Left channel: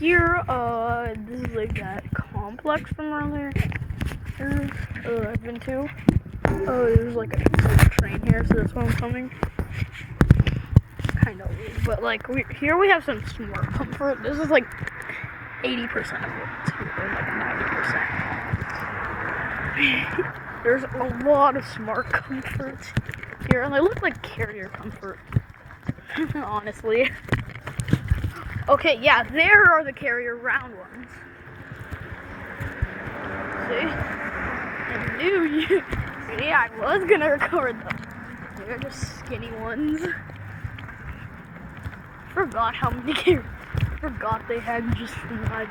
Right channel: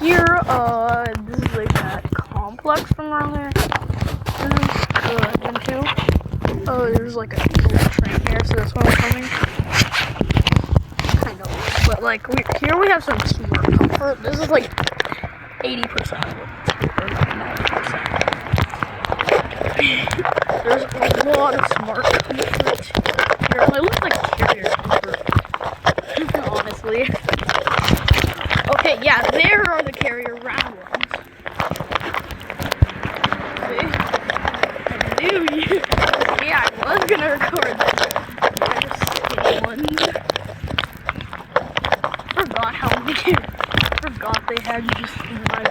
here, this is like that complex from around there. Then two. Oh, there's like a train here, so that's why I'm coming. Kind of, but like here we have some smart comfort. This is like 80% of it, or 90%. There's a lot of smart comfort here. It looks like carrier comfort, honestly. Okay, yeah, there are the carrier round ones. See? I knew you. Yeah, I was gonna record them. They're just skinny ones. Forgot how many. Forgot they had just one.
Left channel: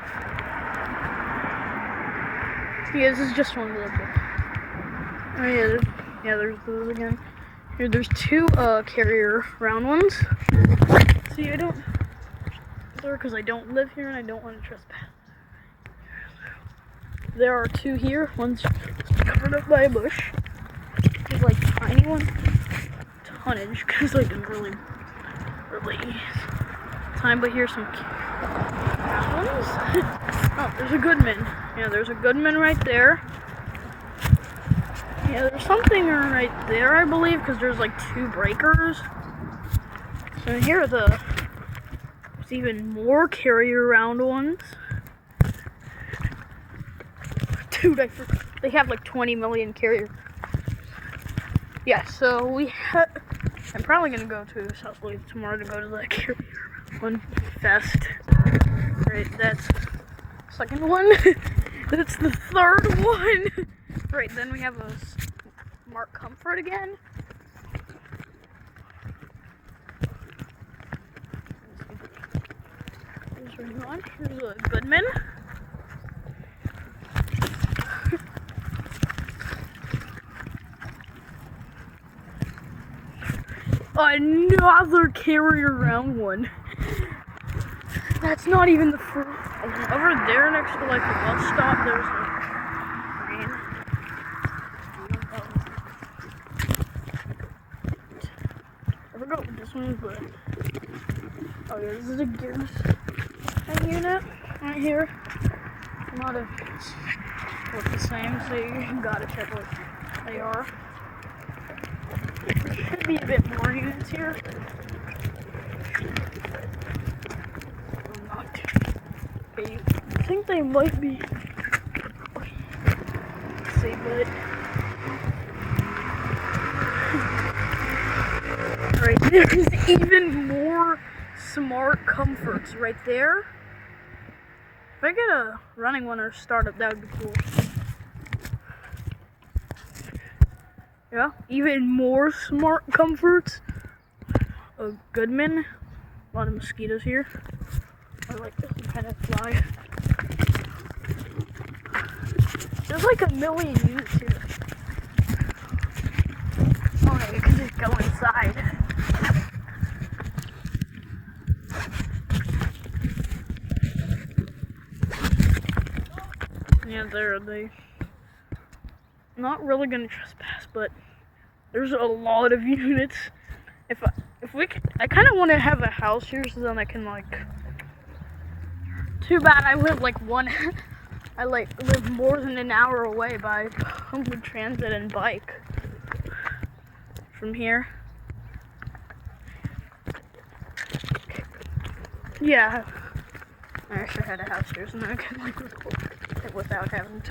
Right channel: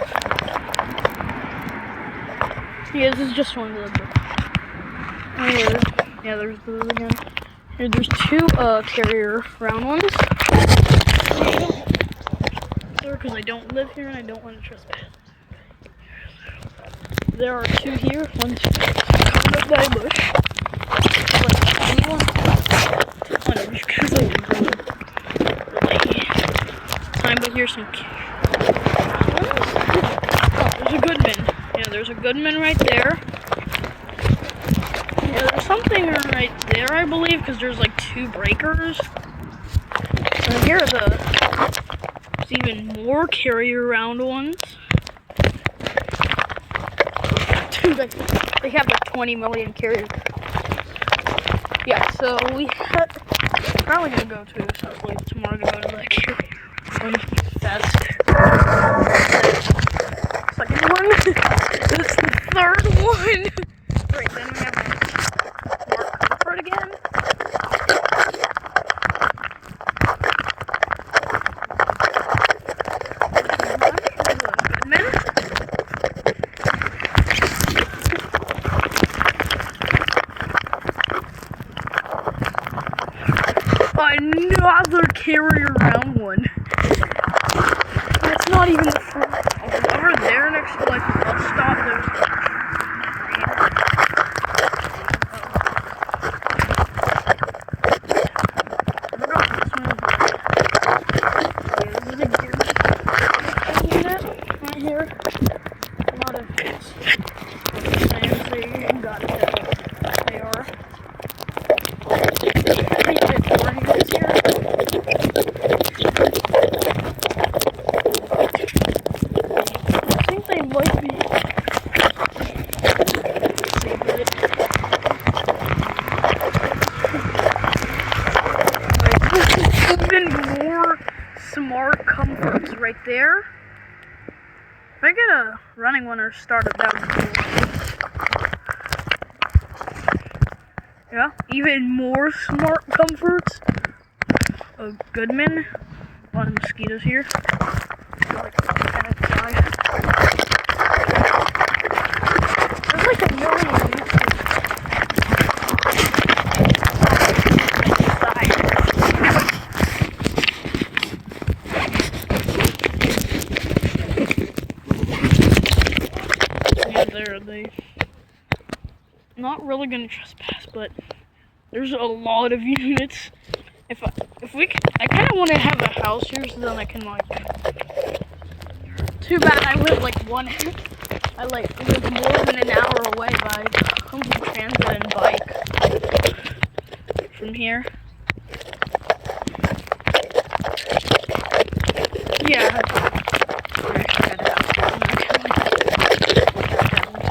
Yeah, this is just one of them. Here, yeah, there's those again. Here, there's two carrier round ones. Because I don't live here and I don't want to trespass. There are two here. One's covered up by a bush. There's like a tiny one. Tonnage, because like really time. But here's some ones. Oh, there's a Goodman. Yeah, there's a Goodman right there. Yeah, there's something right there, I believe, because there's like two breakers. And here are there's even more carrier round ones. Dude, they have like 20 million carriers. Yeah, so I'm probably gonna go to South Lake tomorrow to go to the carrier one fest. Second one. It's the third one. Great, then we have a smart comfort again. Goodman. Another carrier round one. That's not even the front. Over there next to like the bus stop, there's this is a gear unit right here. A lot of what they're saying, so you gotta check what they are. I think there's more units here. I think they might be. Alright, even more smart comforts right there. If I get a running one or startup, that would be cool. Yeah, even more smart comforts. A Goodman. A lot of mosquitoes here. There's like a million units. Yeah, they not really gonna trespass, but there's a lot of units. If we can, I kind of want to have a house here so then I can like. Too bad I live like I live more than an hour away by public transit and bike from here. Yeah. I actually had a house here and I can without having to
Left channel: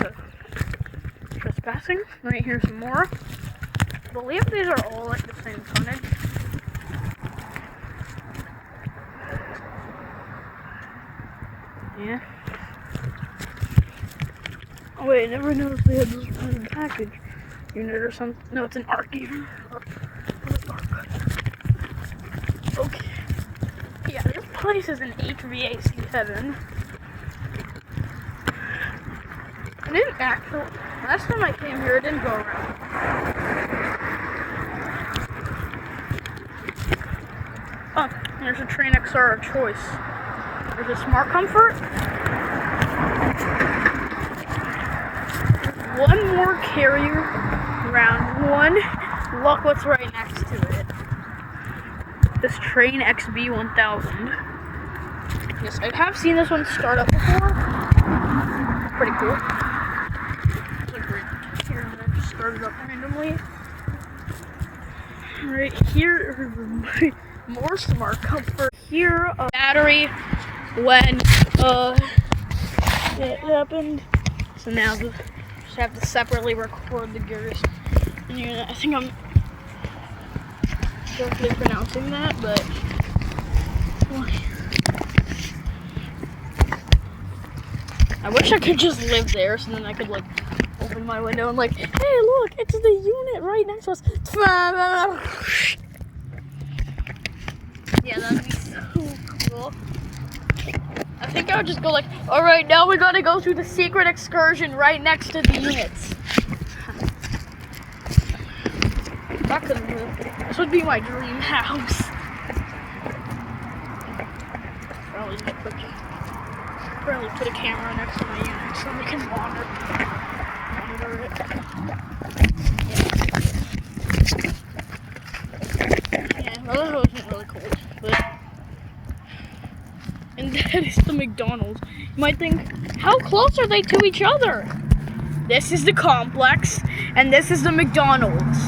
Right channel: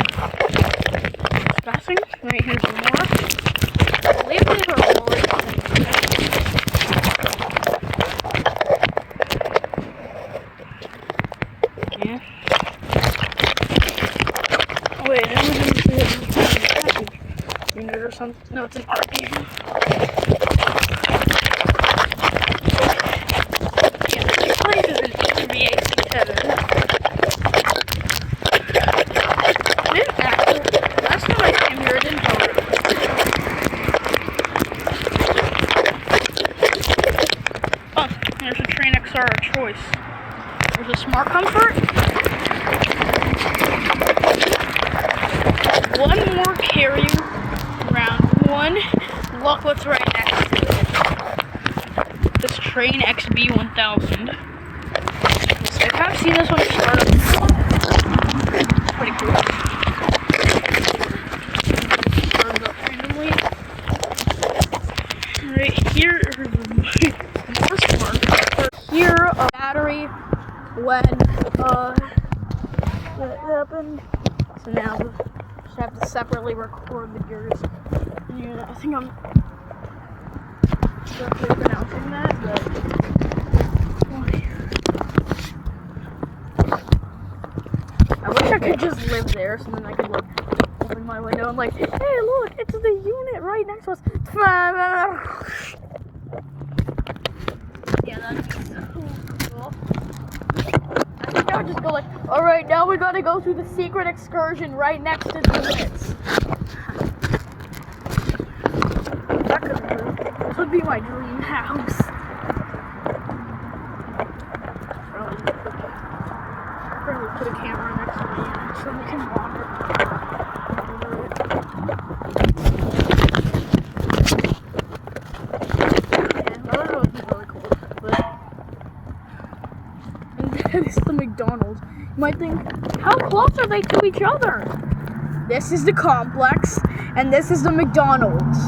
trespassing. Right, here's some more. I believe these are all like the same unit. Yeah. Oh wait, I never knew if they had a package unit or something. No, it's an art unit. Yeah, this place is an HVAC heaven. In fact, last time I came here, it didn't go around. Oh, there's a Train XR choice. There's a smart comfort. One more carrier round one. Look what's right next to it. This Train XB 1000. This I've kind of seen this one started before. It's pretty cool. Started up randomly. Right here are the more smart comfort. Here, a battery when it happened. So now we just have to separately record the gears. And I think I'm correctly pronouncing that, but I wish I could just live there, so then I could like open my window and like, hey, look, it's the unit right next to us. Yeah, that'd be so cool. I think I would just go like, all right, now we gotta go through the secret excursion right next to the units. That could move. This would be my dream house. Probably put a camera next to my unit so we can wander it. Yeah, well, that was really cool. But and that is the McDonald's. You might think, how close are they to each other? This is the complex, and this is the McDonald's.